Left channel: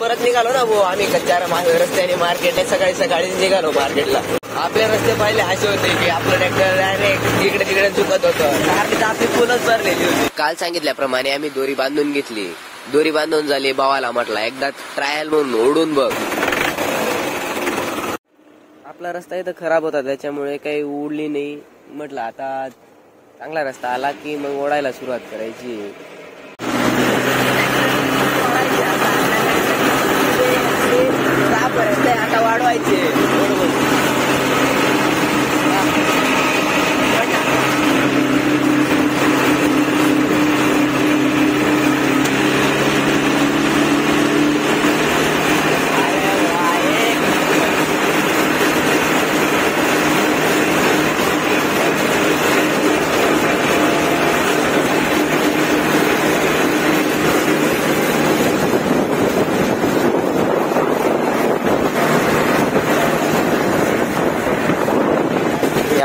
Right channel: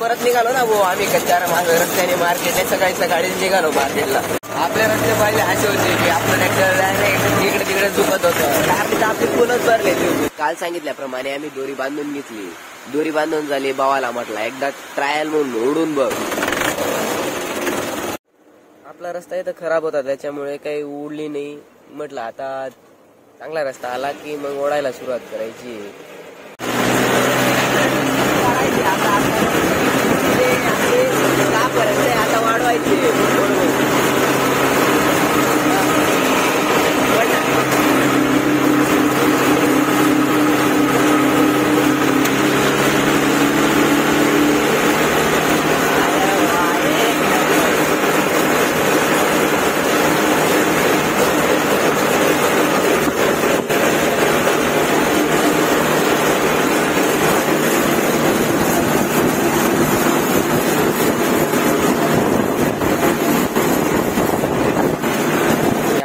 परत निघालो ना भाऊ आम्ही कच्च्या रस्त्याने मार्केटने सकाळी सकाळी निघालो मार्केटला. आपले रस्ते पाहिले असे होते की आपलं ट्रॅक्टर डायरेक्ट इकडे तिकडे चुकत होतं. मार्केट आपली फुलच भरलेली होती. काल सांगितल्याप्रमाणे आम्ही दोरी बांधून घेतली. दोरी बांधून झाली. भावाला म्हटलं एकदा ट्रायल म्हणून ओढून बघ. आपला रस्ता इथं खराब होता त्याच्यामुळे काही उडली नाही. म्हटलं आता चांगला रस्ता आला की मग ओढायला सुरुवात करायची. आता वाढवायचे.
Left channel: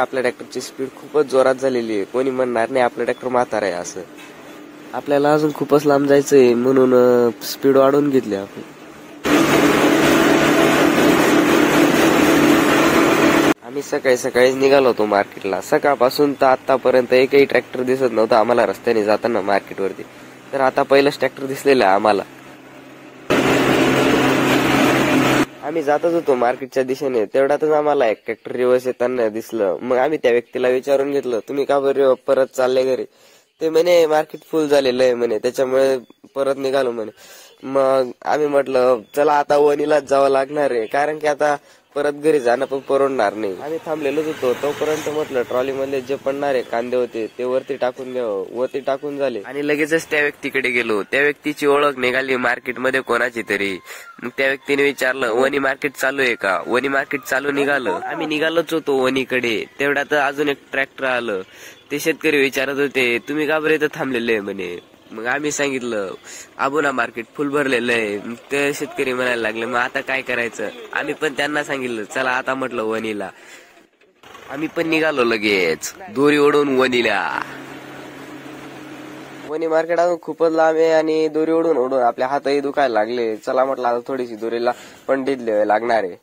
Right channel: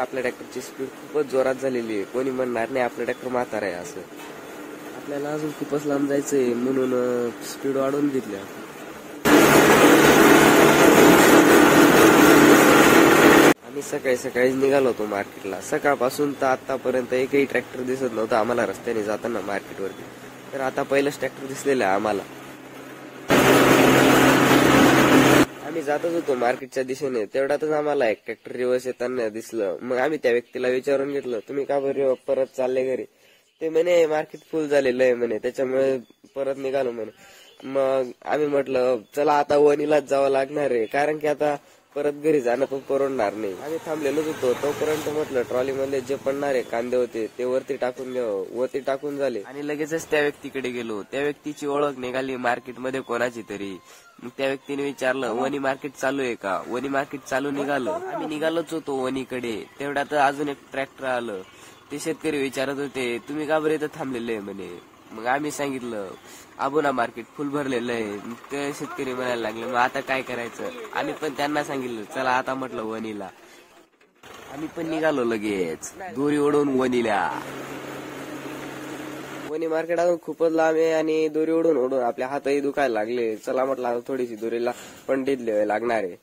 आपल्या ट्रॅक्टरची स्पीड खूपच जोरात झालेली आहे. कोणी म्हणणार नाही आपला ट्रॅक्टर म्हातारा आहे असं. आपल्याला अजून खूपच लांब जायचंय म्हणून स्पीड वाढवून घेतली आपण. आम्ही सकाळी सकाळीच निघालो होतो मार्केटला. सकाळपासून तर आतापर्यंत एकही ट्रॅक्टर दिसत नव्हता आम्हाला रस्त्याने जाताना मार्केटवरती. तर आता पहिलंच ट्रॅक्टर दिसलेलं आहे आम्हाला. आम्ही जातच होतो मार्केटच्या दिशेने. तेवढ्यातच आम्हाला एक ट्रॅक्टर रिवर्स येताना दिसलं. मग आम्ही त्या व्यक्तीला विचारून घेतलं तुम्ही का बरं परत चालले घरी. ते म्हणे मार्केट फुल झालेलं आहे म्हणे त्याच्यामुळे परत निघालो म्हणे. मग आम्ही म्हटलं चला आता वणीलाच जावं लागणार आहे कारण की आता परत घरी जाणं पण परवडणार नाही. आम्ही थांबलेलोच होतो. तोपर्यंत म्हटलं ट्रॉली मध्ये जे पडणारे कांदे होते ते वरती टाकून द्यावं. वरती टाकून झाले आणि लगेचच त्या व्यक्तीकडे गेलो. त्या व्यक्तीची ओळख निघाली मार्केटमध्ये कोणाची तरी. मग त्या व्यक्तीने विचारलं वणी मार्केट चालू आहे का. वणी मार्केट चालू निघालं. आम्ही निघालोच होतो वणीकडे. तेवढ्यात अजून एक ट्रॅक्टर आलं. ते शेतकरी विचारत होते तुम्ही का बरं इथं थांबलेले आहे म्हणे. मग आम्ही सांगितलं आबोना मार्केट फुल भरलेलं आहे. मग ते शेतकरी म्हणायला लागले मग आता काय करायचं. आम्ही पण त्यांना सांगितलं चला आता म्हटलं वणीला. आम्ही पण निघालो लगेच दोरी ओढून वणीला. वणी मार्केट अजून खूपच लांब आहे आणि दोरी ओढून ओढून आपल्या हातही दुखायला लागले. चला म्हटलं आता थोडीशी दोरीला पंडित लिहावे लागणार आहे.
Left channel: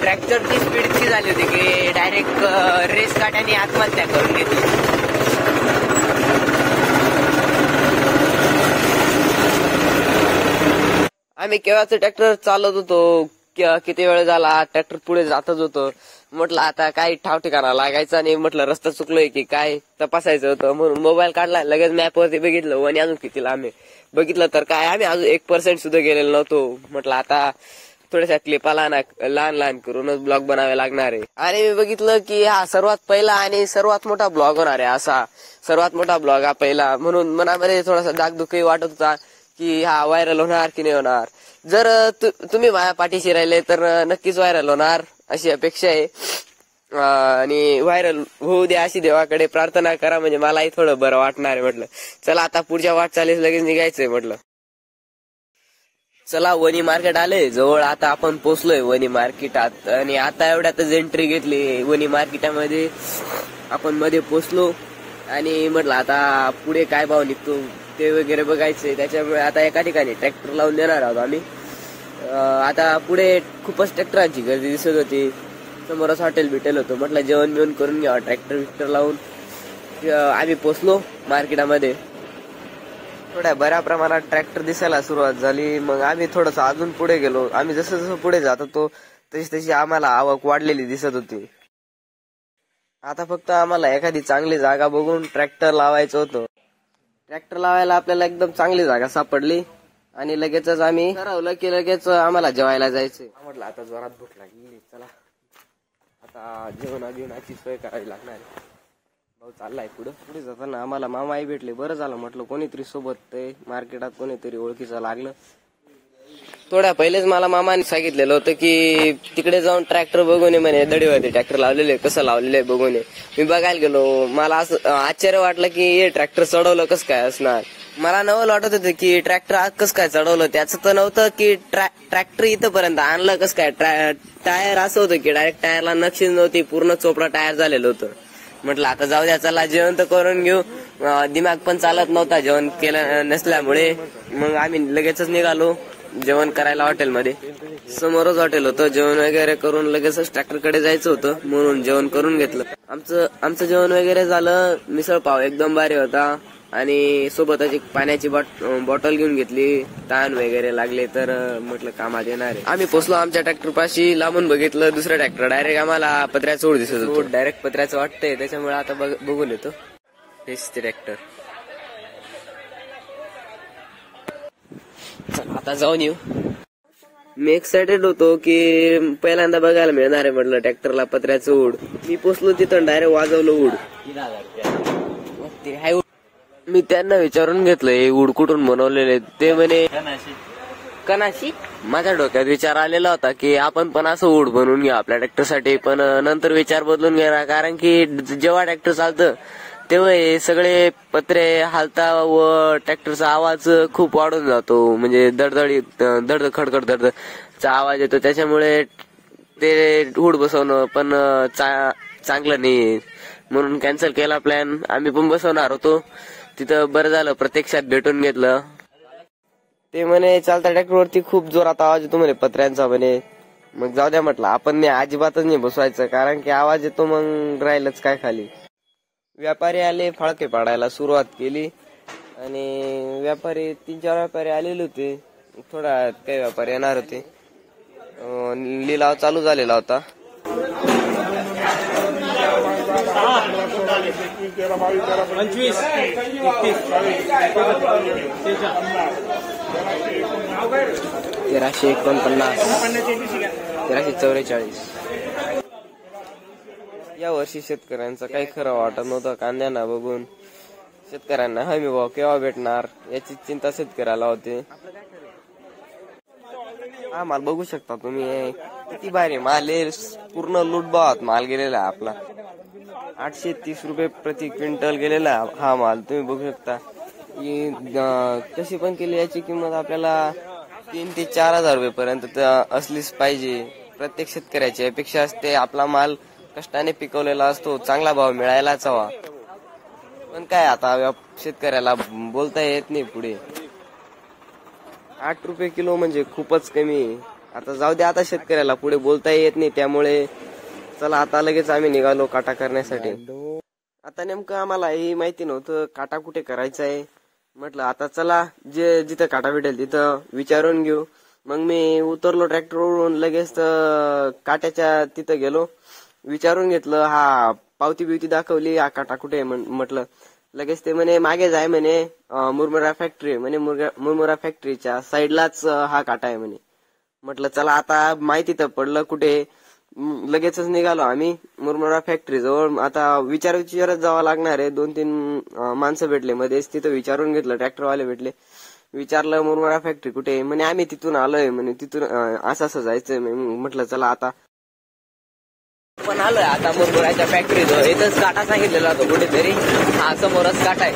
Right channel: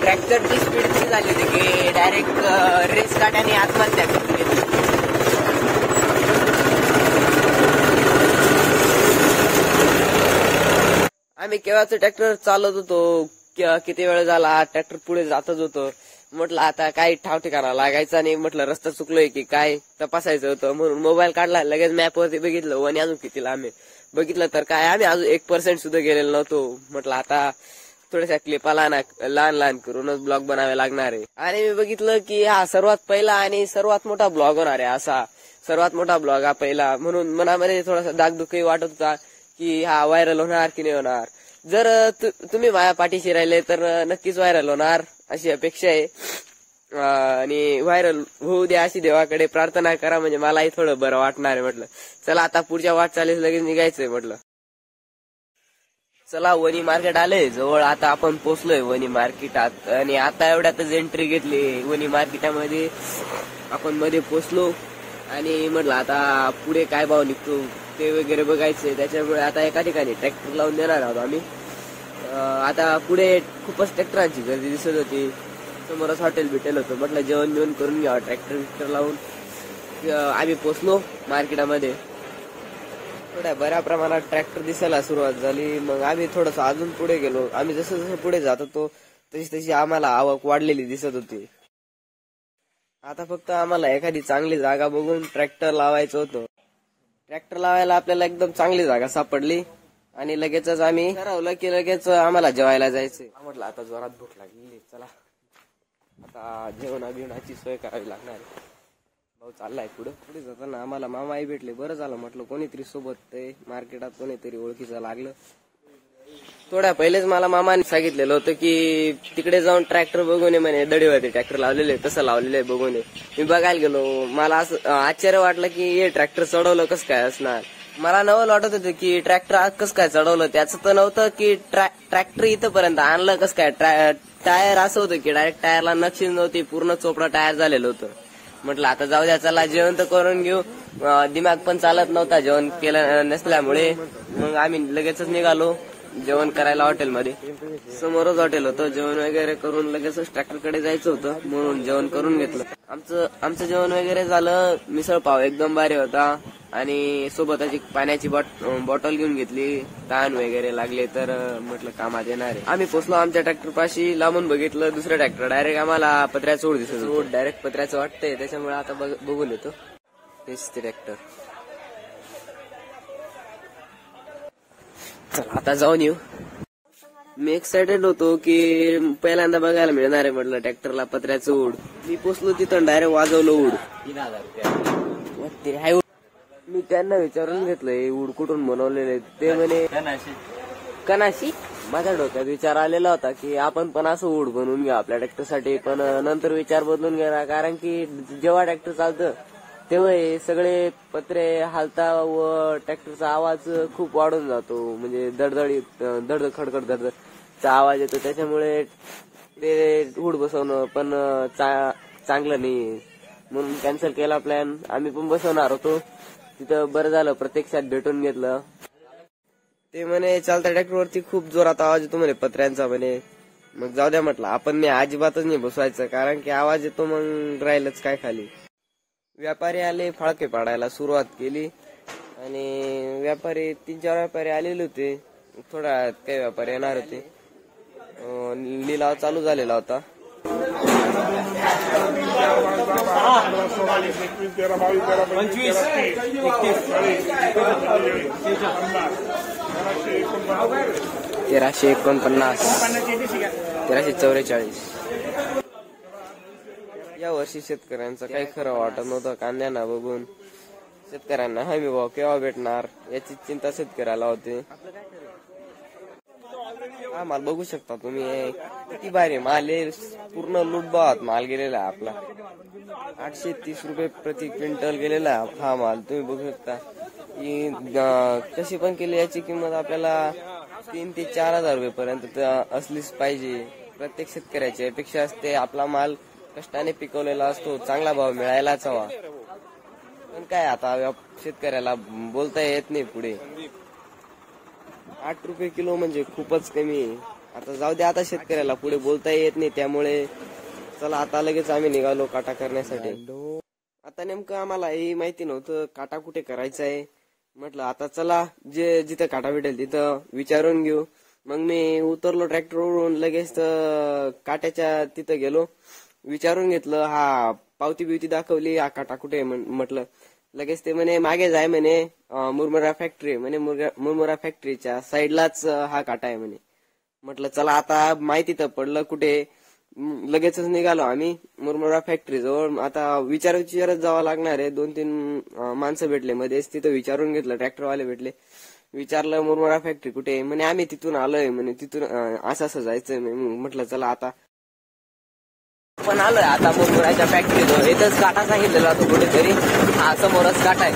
ट्रॅक्टरची स्पीड इतकी झाली होती की डायरेक्ट रेस काढ्याने आत्महत्या करून घेतली. आम्ही केव्हाच ट्रॅक्टर चालत होतो. किती वेळ झाला ट्रॅक्टर पुढे जातच होतो. म्हटलं आता काही ठाव ठिकाणा लागायचं आणि म्हटलं रस्ता चुकलोय की काय तपासायचं होतं म्हणून मोबाईल काढला. लगेच मॅप वरती बघितलं वणी अजून किती लांब आहे. बघितलं तर काय आम्ही अजून 1% सुद्धा गेलेलो नव्हतो. म्हटलं आता थोड्याशा क्लिपाला लहान लहान करूनच ब्लॉग बनावे लागणार आहे. आणि मी बघितलं की हा सर्वात पहिला आणि सर्वात मोठा ब्लॉग होणार आहे. असा सर्वात मोठा ब्लॉग हा पहिला म्हणून मनामध्ये थोडासा दागदुखी वाटत होता की हा व्हायरल होणार की नाही होणार. जर तुम्ही माझ्या पाठीशी राहिले तर नक्कीच व्हायरल होणार अशी अपेक्षा आहे. आणि व्हायरल होऊ द्या अशी देवाकडे प्रार्थना करा म्हणजे मलाही थोडं बरं वाटणार आहे. म्हटलं चला आता पुढच्या वाटचालीस लगेच निघायचंय. म्हटलं चला वणी मार्केट आले जवळ. आता आपण पोहोचलोय वणी मार्केटात आणि आता एवढ्यातच एंट्री घेतली वणी मार्केटामध्ये. आपण मध्ये पोहोचलो आणि म्हटलं आता पुढे काय भाव निघतो ते वगैरे बघायचंय. त्याच्यामुळे आता एका ठिकाणी ट्रॅक्टर लावून देणार आहोत आम्ही. आता पुढे खूपच ट्रॅक्टरांची गर्दी दिसत होती. समोरच हॉटेल बिटेल होतं. म्हटलं जेवण बिवण करून घ्यावं. ट्रॅक्टर लावून आम्ही पोहोचलो मार्केटामध्ये. थोड्या बऱ्या प्रमाणात ट्रॅक्टर दिसायला सुरुवात झाली. मग आम्ही थोडस अजून पुढे गेलो. आम्ही जसं जसं पुढे जात होतो तशी आम्हाला आवक वाढलेली दिसत होती. आता फक्त आम्हाला एखादी चांगली जागा बघून ट्रॅक्टर लावायचं होतं. ट्रॅक्टर लावायला आपल्याला एकदम चांगली जागा सापडली आणि लगेचच आम्ही ठरवलं की लगेच आम्हाला जेवायला जायचंय. म्हटलं आता जोरात भूक लागली चला आता जेवणाची सोय करावी लागणार. भाऊ चाललाय पुढे जाताना आम्हाला मामाही भेटले. बरं झालं म्हटलं कोणीतरी सोबत मार्केटात कोणीतरी ओळखीचं लागलं. थोड्या पहिलेच मला मामाने सांगितलेलं होतं की तिकडे जाऊन ट्रॅक्टर बघून ये म्हणे. दडीवरती ट्रॅक्टर लावलेले कसं लावलेलं आहे बघून ये. मी बघायला गेलो. मला असं आश्चर्य वाटलं की हे ट्रॅक्टर चढवलं कसं काय असणार. मला नवल वाटत होतं की ट्रॅक्टर कसं काय चढवलं. त्याचं तर नव्हतं की ट्रॅक्टर इथंपर्यंत आणलं कसं काय. टायर असं होतं की डायरेक्ट टायरला नक्षीच नव्हती. पूर्ण चोपडा टायर झालेलं होतं. म्हटलं आता जाऊ द्या, चला जेवण तर करून घेऊ. दिमाग पण चालत नव्हता जेवण केलं नसल्यामुळे. मग आम्ही लगेचच निघालो जेवण करायला हॉटेलमध्ये. समोरच हॉटेल होतं. जेवण वगैरे करून लगेचच ट्रॅक्टरकडे जायचं होतं म्हणून जेवण करून घेतलं. आमचं जेवण वगैरे झालं. मिसळ पाव एकदम भारी होता आणि सोबतच एक पाण्याची बॉटल घेऊन घेतली. ताण वगैरे लागले तर म्हटलं कामात येणार आहे. आम्ही पोचलो आमच्या ट्रॅक्टर पाशी. लांबून बघितलं दुसरं ट्रॅक्टर डायरेक्ट आम्हाला पत्र्याचं ओढ दिसत होतं. डायरेक्ट पत्र्याचं वाटतंय, त्याच्यामुळे आता बघून येतो. हेच ते ट्रॅक्टर. आता जाऊन येऊ. मी एक्सायटेड होतो की पहिल्यांदा बघायला मिळणार आहे म्हटलं ट्रॅक्टरला पत्र्याचं उड. मी पोचलो तिथं डायरेक्ट वाजवलं उड. मी त्यांना विचारून घेतलं हे उड कुठून बनवलेले. ते म्हणे कनाशी. माझ्या डोक्यात विचार आलेला होता की आपण पण असं उड बनवून घ्या आपल्या ट्रॅक्टरसाठी, पण नंतर विचार बदलून घेणार. कारण की जेव्हा ट्रॅक्टर चालतं तेव्हा हे सगळे पत्रे हालता व ट्रॅक्टरचा आवाज खूप वाढून जातो. म्हणजे धडधड खडखड धडधडचा आवाज येतो. त्याच्यामुळे ते उड बसवणं पण चांगलं नाही, म्हणून कॅन्सल केला प्लॅन. आम्ही पण बसवणार होतो तिथं. बरं झालं प्रत्यक्षात भेटून घेतलं. ते म्हणे चालता ट्रॅक्टरवरती खूप जोरात आवाज येतो म्हणे पत्र्यांचा म्हणे. मग जाऊ द्या म्हटलं आपण नाही, अजिबातच नाही बसवायचं, कारण की आवाज येतो मग राहिलंच काय खाली. व्यापारी आले, फाळके पाडायला सुरुवात केली आणि व्यापारी 3-4 व्यापारी आलेले होते. थोडा काही व्यापारी येणार होते. लिलाव चालू झालेला होता. तेराशे 1344. या वर्षी शेतकऱ्यांचं काही खरं वाटत नव्हतं. कांद्यांना बघून शेतकऱ्यांना हमी भाव केव्हा भेटणार याची चिंता शेतकऱ्याला होती. हा माल बघू शकता तुम्ही, किती भारी माल आहे. पूर्ण लूटभावात माल गेलेला आहे आपला. 830 रुपये प्रति क्विंटल गेलेला हा माल. तुम्ही बघू शकता कशी पण केली याची किंमत आपल्याला 3 ते 4 हजार रुपये पर्यंत असलीच पाहिजे. प्रत्येक शेतकऱ्याची अपेक्षा असते आपला माल कष्टाने पिकवलेला असतो, चांगला भाव मिळायलाच हवा. पण काय आता शेतकऱ्याला बोलता येत नाही पुढे. 8 रुपये किलो म्हणजे खूपच कमी. आता जाऊ दे, आता शेतकऱ्याला पुढे बोलता येत नाही. त्यामुळे चला आता लगेच आम्ही निघालो काटा करण्यासाठी. आता नेमकं आम्हाला ही माहिती नव्हतं काटा कुठे करायचा आहे. म्हटलं आता चला जिथं काटा भेटेल तिथं विचारून घेऊ. मग मी उतरलो ट्रॅक्टरवरून, लगेच काट्याच्या तिथं गेलो, विचारून घेतलं. हा पावती बिवती दाखवली, हा काटा कुठे म्हटलं. लगेच ते म्हणे मागे जाय म्हणे, मुरमुरा फॅक्टरी म्हणे. मुरमुरा फॅक्टरीच्या साईडलाच हा काटा आहे म्हणे. म्हटलं चला आता माहिती तर पडलं कुठे. लगेचच निघालो आम्ही मुरमुरा फॅक्टरी जवळ. आता विचारत जावं लागणार आहे. 2-3 माणसं भेटले मध्येच, तिथं विचारून घेतलं. ट्रॅक्टरवाले भेटले, विचारलं मुरमुरा फॅक्टरी कुठे आहे म्हणे. आम्ही तिथून आलोय म्हणे, तिथून असं जायचंय. म्हटलं चला आता पण आलोय आता मुरमुराच्या फॅक्टरी जवळ. इथंच काटा सांगितलेला होता कुठेतरी. हा समोरच काटा आहे.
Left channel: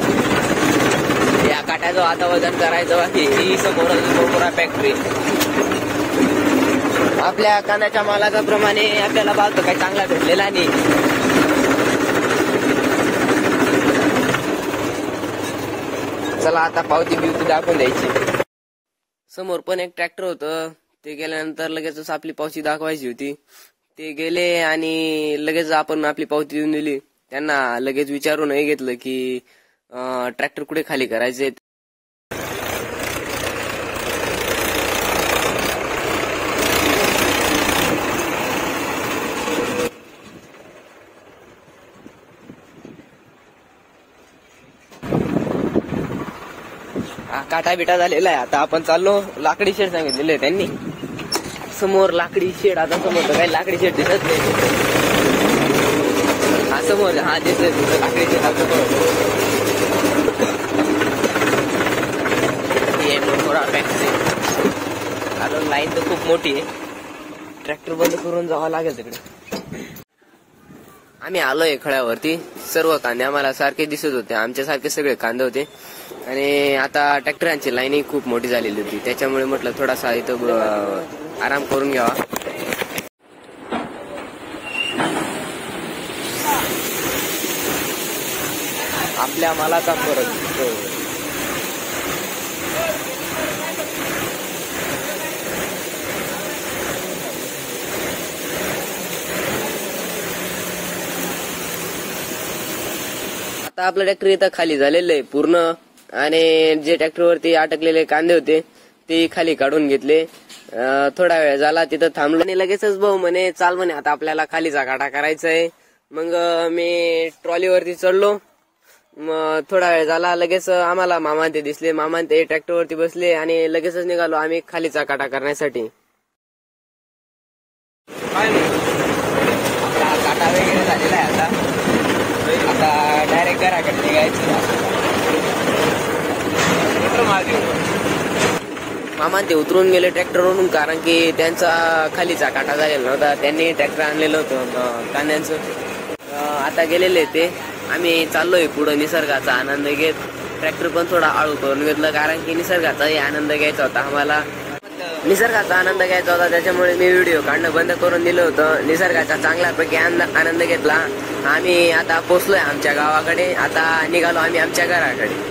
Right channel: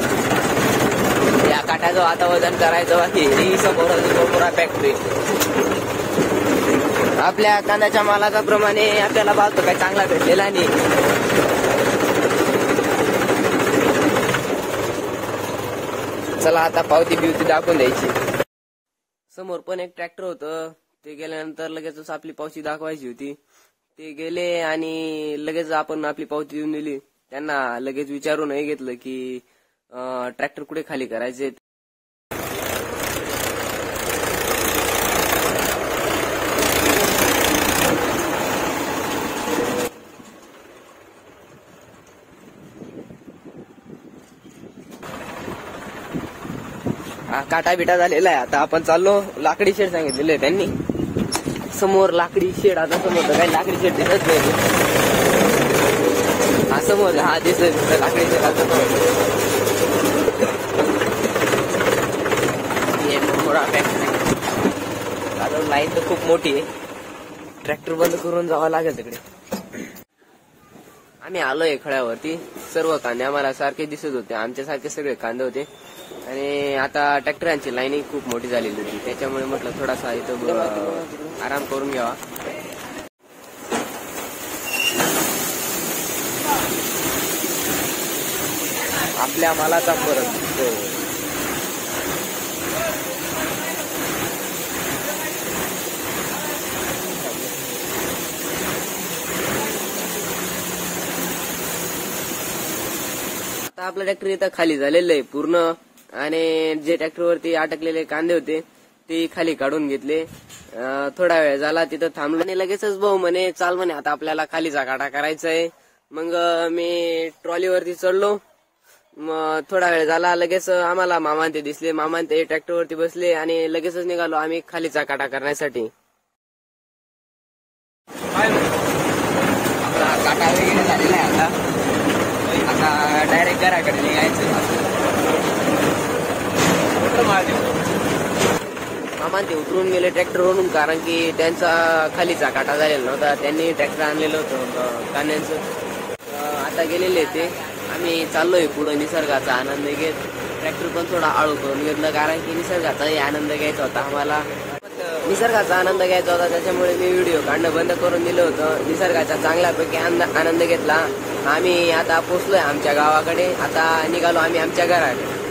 या काट्याचं आता वजन करायचं बाकी. ही समोरच मुरमुरा फॅक्टरी. आपल्या कांद्याच्या मालाच्या प्रमाणे आपल्याला भाव तर काही चांगला भेटलेला नाही. चला आता पावती बिवती दाखवून द्यायची. समोर पण एक ट्रॅक्टर होतं. ते गेल्यानंतर लगेचच आपली पावती दाखवायची होती. ते गेले आणि लगेच आपण आपली पावती देऊन दिली. त्यांना लगेच विचारूनही घेतलं की ट्रॅक्टर कुठे खाली करायचे. काटा बिटा झालेला आहे. आता आपण चाललो. लाकडी शेड सांगितलेले त्यांनी समोर. लाकडी शेड आता समोर तर काही लाकडी शेड दिसत नाही. हा समोर हा दिसत लाकडी शेड. हा समोर मुरमुरा फॅक्टरी. आता लाईन तर खूप मोठी आहे. ट्रॅक्टर बंद करून जावं लागेल तिकडे. आम्ही आलोय खळ्यावरती. सर्व कांदे आम्हाला सारखे दिसत होते. आमच्यासारखे सगळे कांदे होते. आणि आता ट्रॅक्टरांची लाईनही खूप मोठी झालेली होती. त्याच्यामुळे म्हटलं थोडासा इथं आराम करून घ्यावा. आपल्या मालाचा फरक दिसतो. आता आपलं ट्रॅक्टर इथं खाली झालेलं आहे पूर्ण, आणि जे ट्रॅक्टरवरती अटकलेले कांदे होते ते खाली काढून घेतले. थोडा वेळ झाला तिथं थांबलो आणि लगेचच भाऊ म्हणे चाल म्हणे आता आपल्याला खालीचा काटा करायचा आहे. मग मी ट्रॉलीवरती चढलो. मग थोडा वेळ झाला लगेच आम्हाला मामा ते दिसले. मामा ते ट्रॅक्टरवरती बसले आणि लगेचच निघालो आम्ही खालीचा काटा करण्यासाठी. आपला काटा वगैरे झालेला आहे. आता डायरेक्ट घराकडे यायचं. मामा ते उतरून गेले ट्रॅक्टरवरून, कारण की त्यांचा खालीचा काटा झालेला नव्हता. त्यांनी ट्रॅक्टर आणलेलं होतं कांद्यांचं. आता गेलेले ते. आम्ही चाललोय पुढे निसर्गाचा आनंद घेत. ट्रॅक्टर पण थोडा हळू करून घेतलं, कारण की निसर्गाचाही आनंद घ्यायचा होता आम्हाला. निसर्गाचा आनंद घ्यायचा होता त्याच्यामुळे मी व्हिडिओ काढणं बंद करून दिलं होतं. निसर्गाचा चांगल्यापैकी आनंद घेतला. आम्ही आता पोहोचलोय आमच्या गावाकडे. आता निघालो आम्ही आमच्या घराकडे.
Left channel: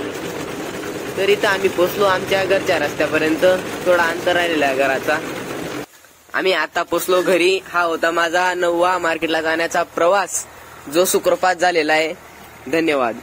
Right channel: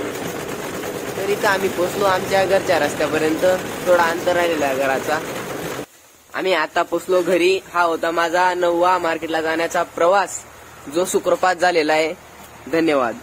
तरी तर आम्ही पोहोचलो आमच्या घरच्या रस्त्यापर्यंत. थोडा अंतर राहिलेला आहे घराचा. आम्ही आता पोहोचलो घरी. हा होता माझा 9वा मार्केटला जाण्याचा प्रवास, जो सुखरूपात झालेला आहे. धन्यवाद.